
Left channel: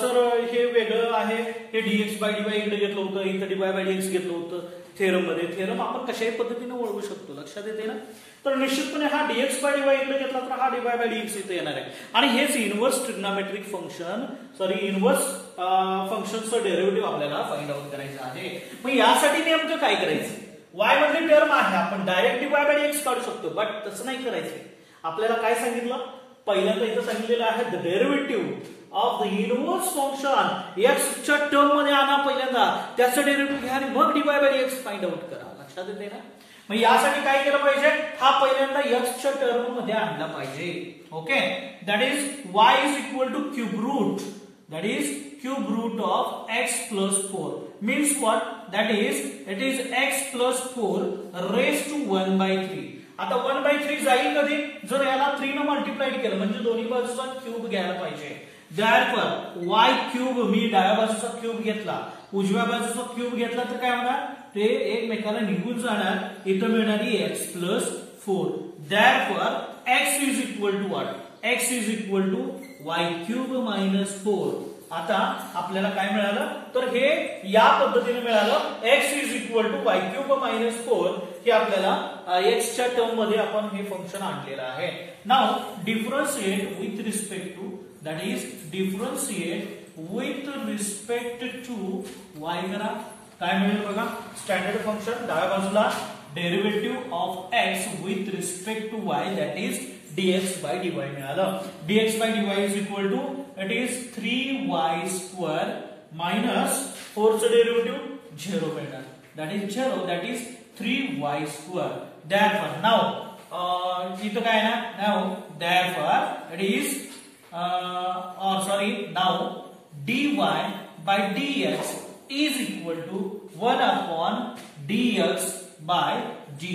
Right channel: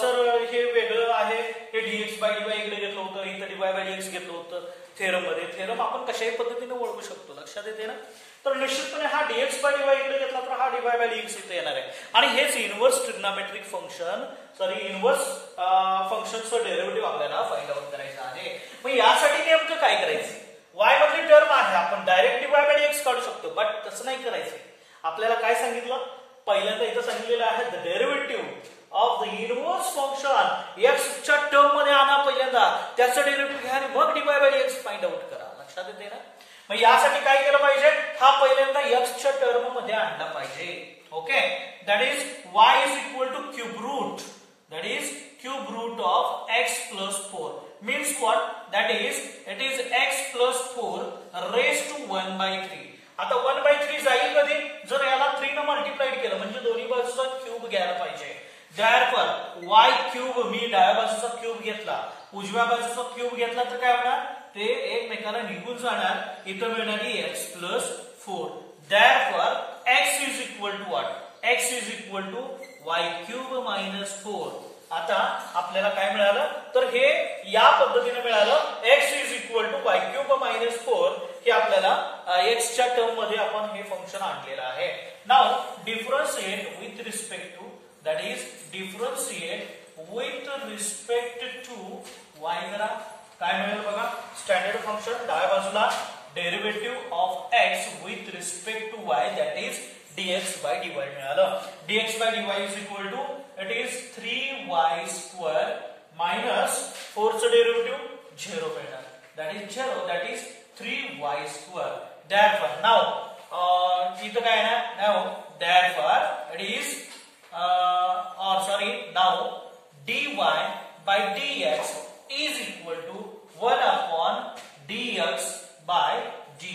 सर हे वेगळं आहे, हे dx by dy इकडे घेतलं होतं, इथे dy by dx घेतलं होतं थेरम मध्ये. थेरम आपण कशाही पद्धतीने ओळखू शकतो, लक्षात येते ना. तर निश्चितपणे हा dx by dy इकडे घेतला तर हा dy by dx इथे येणार आहे आणि हेच inverse trigonometric function, sorry inverse फंक्शनचं डेरिव्हेटिव्ह आपल्याला फाइंड आउट करायचं आहे. मग यासाठी नेमकं काय करायचं, y मधली टर्म आहे आपण डायरेक्ट dy by dx काढू शकतो, बट तसं नाही करायचं. आपल्याला काय सांगितलं, पहिल्यांदा इथं सांगितलेलं आहे the derivative of the inverse function x च्या टर्म मध्ये आणा पहिल्यांदा, त्याचं डेरिव्हेटिव्ह घ्या आणि मग dy by dx find out करा. लक्षात येते ना. मग यासाठी काय केलं पाहिजे, हा पहिल्यांदा x च्या टर्म मध्ये आणला पाहिजे. Okay, that is y is equal to cube root, that is cube root of x plus 4 means what, that is it is x plus 4 raised to 1 by 3. आता 1 by 3 जाईल कधी, जर याला 3 ने मल्टिप्लाइड केलं म्हणजे दोन्ही बाजूचा क्यूब घ्यायला पाहिजे. therefore y क्यूब, मी डाव्या बाजूचा क्यूब घेतला, उजव्या बाजूचा क्यूब घेतला तर काय होणार, ते एकमेकाला निघून जाणार, इथं मिळणारी x plus 4. therefore x is equal to what, x is equal to y cube minus 4. आता आपल्याला काय मिळालं, तर हे या पद्धतीने मिळालं, x is equal to y cube minus 4. हे आपल्याला x च्या टर्म मध्ये आपण हे फंक्शन आणलेलं आहे. Now differentiate with respect to, that is differentiate with respect to y करा. काय मिळेल बघा, स्टँडर्ड फंक्शन डाव्या बाजूला derivative of x with respect to y, that is dx by dy मिळालं. dx by dy is equal to, it is 3y square minus 4 चं derivative 0 मिळणार, that is 0, that is 3y square. therefore now इथं काय आहे, now therefore it is now dy by dx is equal to 1 upon dx by dy.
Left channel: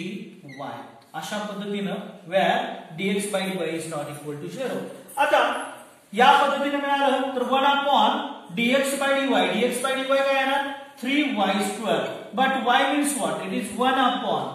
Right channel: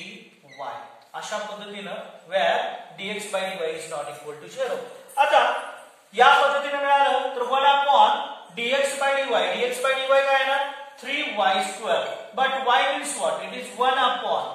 अशा पद्धतीनं where dx by dy is not equal to 0. आता या पद्धतीने मिळालं तर 1 upon dx by dy, dx by dy काय आहे ना 3y square, but y means what, it is 1 upon,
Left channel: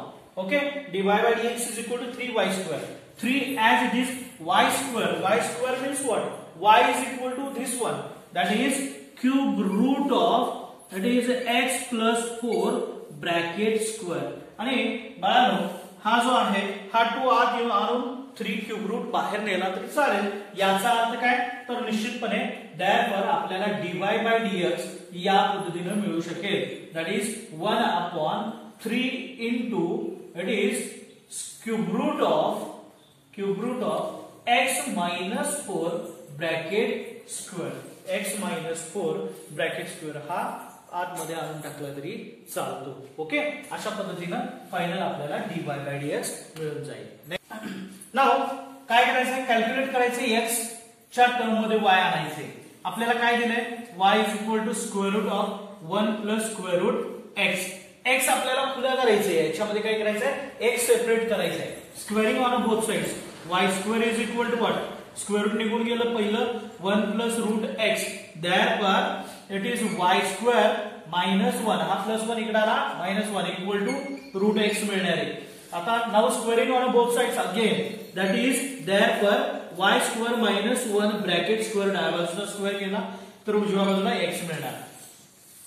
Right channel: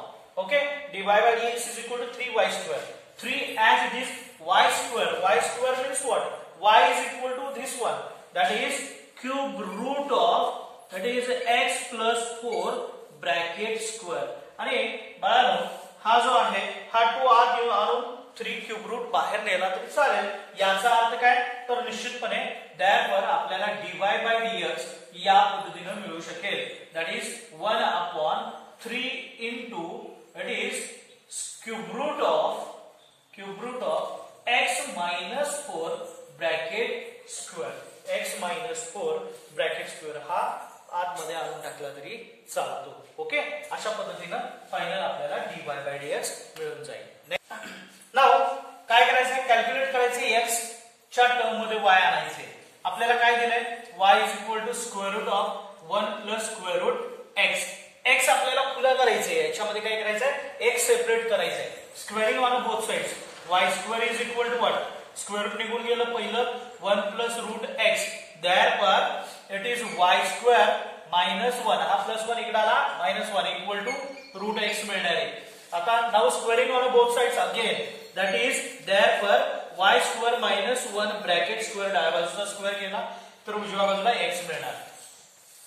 okay, dy by dx is equal to 3y square. 3 as it is y square means what, y is equal to this one, that is cube root of, that is x plus 4 bracket square. आणि बाळांनो हा जो आहे हा 2 आत घेऊन आणून 3 cube route बाहेर नेला तरी चालेल. याचा अर्थ काय, तर निश्चितपणे therefore आपल्याला dy by dx या पद्धतीने मिळू शकेल, that is 1 upon 3 into it is cube root of x minus 4 bracket square, x minus 4 bracket square हा आतमध्ये आणून टाकला तरी चालतो. ओके, अशा पद्धतीनं फायनल आपल्याला dy by dx मिळून जाईल. नाउ काय करायचं, कॅल्क्युलेट करायचे x च्या टर्म मध्ये y आणायचे. आपल्याला काय दिलंय, y is equal to square root of 1 plus square root x. x आपल्याला खुला करायचंय, याच्यामध्ये काय करायचंय, x सेपरेट करायचंय, squaring on both sides. y square is equal to what, square root निघून गेलं पहिलं 1 plus root x, therefore it is y square minus 1, हा प्लस 1 इकडे आला minus 1 equal to root x मिळणार आहे. आता now squaring on both sides again, that is therefore y square minus 1 bracket square, डाव्या बाजूला स्क्वेअर केला तर उजव्या बाजूला x मिळणार.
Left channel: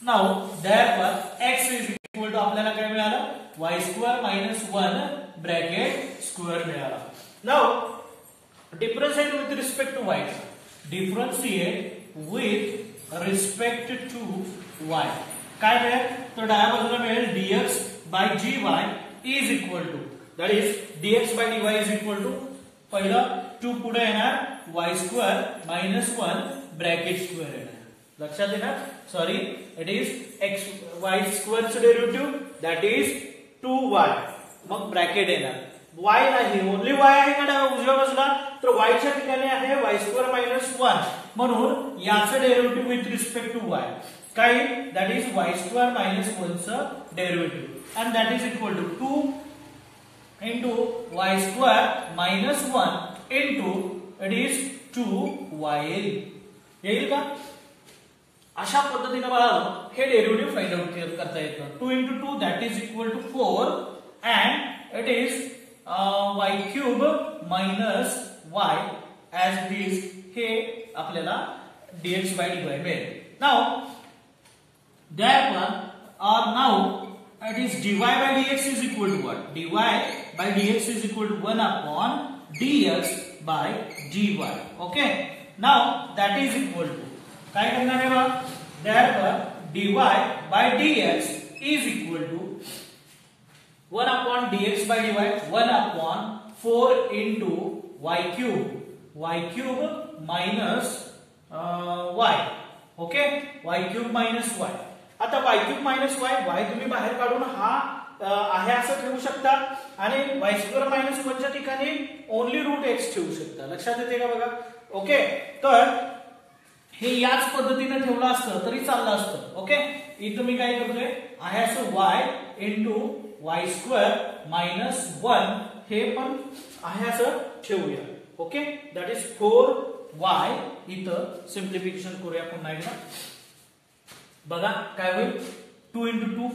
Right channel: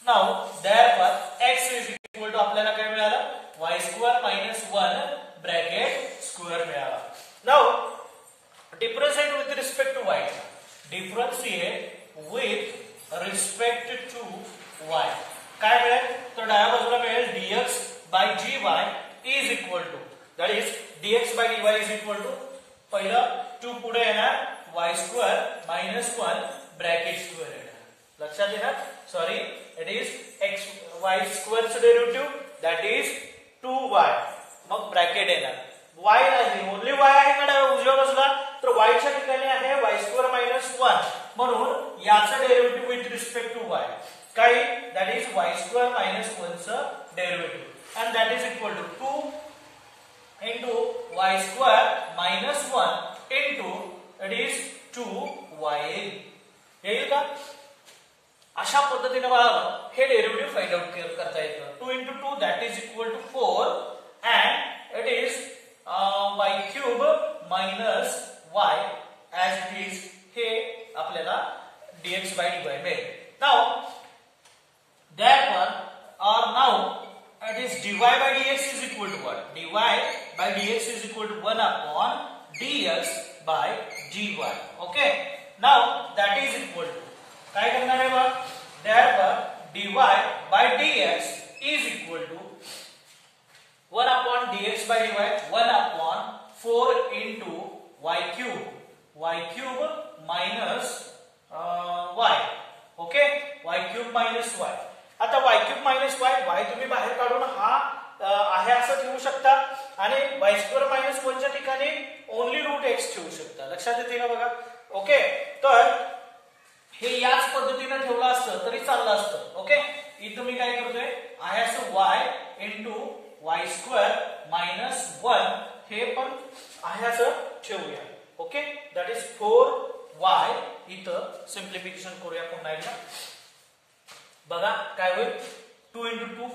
Now therefore x is equal to आपल्याला काय मिळालं, y square minus 1 bracket square मिळाला. Now differentiate with respect to y, differentiate with respect to y काय मिळेल तर डाव्या बाजूला मिळेल dx by dy is equal to that is dx by dy is equal to पहिलं 2 पुढे येणार y square minus 1 bracket square येणार लक्षात येणार sorry it is x y स्क्वेअरचं डेरिव्हेटिव्ह दॅट इज 2y मग ब्रॅकेट येणार y आहे ओनली y आहे का उजव्या बाजूला तर y च्या ठिकाणी आहे y स्क्वेअर मायनस 1 म्हणून याचं derivative with respect to y काय that is y square minus 1 चं derivative and that is equal to 2 into y square minus 1 into it is 2y येईल का अशा पद्धतीने बाळांनो हे डेरिव्हेटिव्ह फाइंड आउट करता येतं 2 into 2 that is equal to 4 and it is y cube minus y as it is हे आपल्याला dx by dy मिळेल now therefore or now it is dy by dx is equal to what dy by dx is equal to 1 upon dx by dy okay now that is equal to काय करणार आहे बघ therefore dy by dx is equal to 1 upon dx by dy 1 upon 4 into y cube minus y okay y cube minus y आता y cube minus y y तुम्ही बाहेर काढून हा आहे असं ठेवू शकता आणि y स्क्वेअर मायनस 1 च्या ठिकाणी ओनली रूट x ठेवू शकता लक्षात येते का बघा ओके तर हे याच पद्धतीने ठेवलं असतं तरी चाललं असतं ओके इथं मी काय करतोय आहे असं y into y square minus 1 हे पण आहे असं ठेवूया ओके दॅट इज 4y इथं सिम्प्लिफिकेशन करूया पुन्हा एकदा बघा काय होईल 2 into 2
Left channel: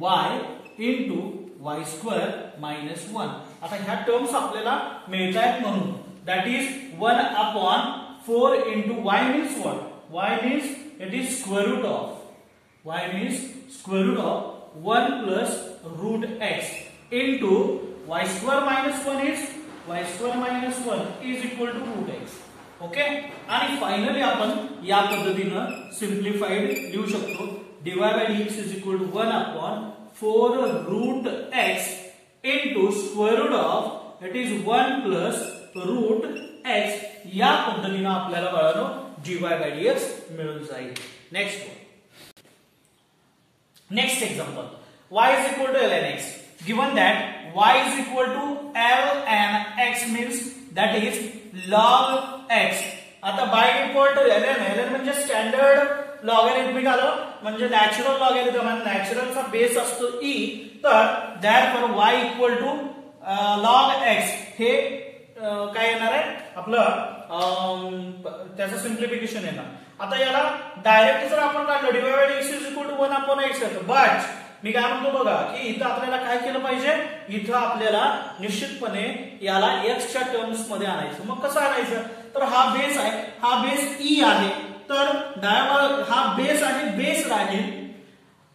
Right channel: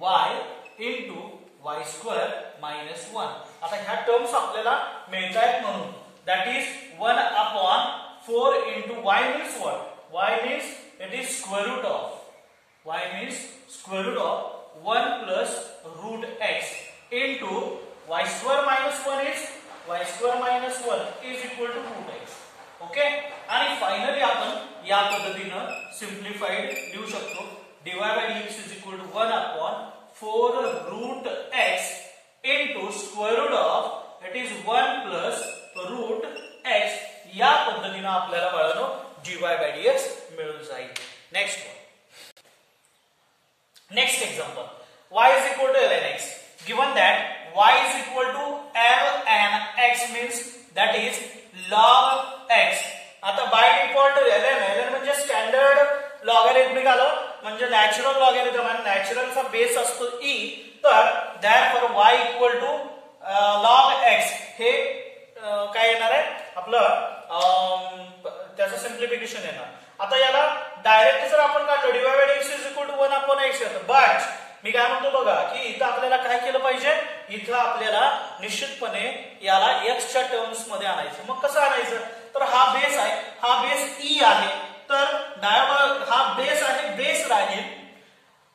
4y into y square minus 1 आता ह्या टर्म्स आपल्याला मिळतायत म्हणून that is 1 upon 4 into y means what y means it is square root of y means square root of 1 plus root x into y square minus 1 is y square minus 1 is equal to root x okay आणि finally आपण या पद्धतीनं simplified लिहू शकतो dy by dx is equal to 1 upon 4 root x into square root of it is 1 plus root x या पद्धतीनं आपल्याला बाळांनो dy by dx मिळून जाईल next example y is equal to ln x given that y is equal to ln x means that is log x आता by default ln म्हणजे standard logarithmic आलं म्हणजे नॅचरल लॉगॅरिथम आणि नॅचरलचा base असतो e तर therefore y equal to log x हे काय येणार आहे आपलं त्याचं सिम्प्लिफिकेशन येणार आता याला डायरेक्ट जर आपण काढलं dy by dx is equal to 1 upon x येतं बट मी काय म्हणतो बघा की इथं आपल्याला काय केलं पाहिजे इथं आपल्याला निश्चितपणे याला x च्या टर्म्स मध्ये आणायचं मग कसं आणायचं तर हा बेस आहे हा बेस e आहे तर हा बेस आहे बेस राहील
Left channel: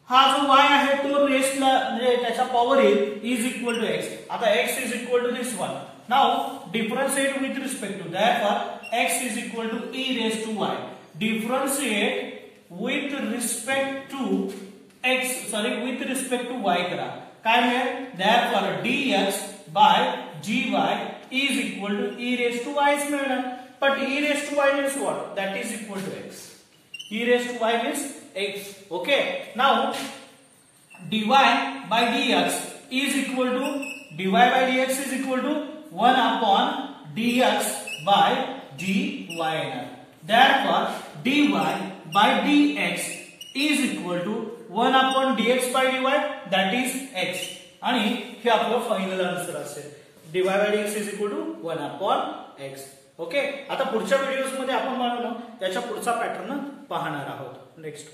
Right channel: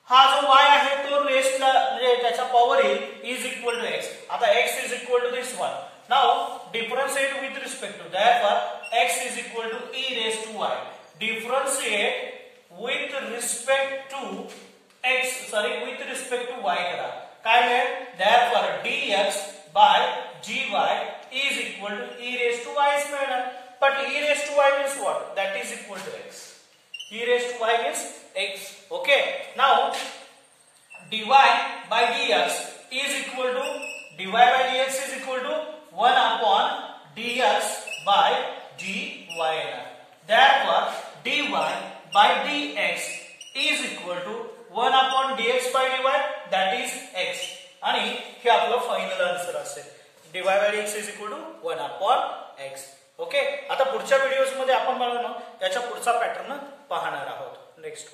हा जो y आहे तो रेसला म्हणजे त्याच्या पॉवर येईल इज इक्वल टू x आता x is equal to this one now differentiate with respect to therefore x is equal to e raise to y differentiate with respect to x sorry with respect to y करा काय मिळेल therefore dx by dy is equal to e raised to y मिळणार but e raised to y means what that is equal to x e raised to y means x okay now dy by dx is equal to dy by dx is equal to 1 upon dx by dy therefore dy by dx is equal to 1 upon dx by dy that is x आणि हे आपलं final answer असेल dy by dx is equal to 1 upon x okay आता पुढच्या videos मध्ये आपण त्याच्या पुढचा पॅटर्न पाहणार आहोत नेक्स्ट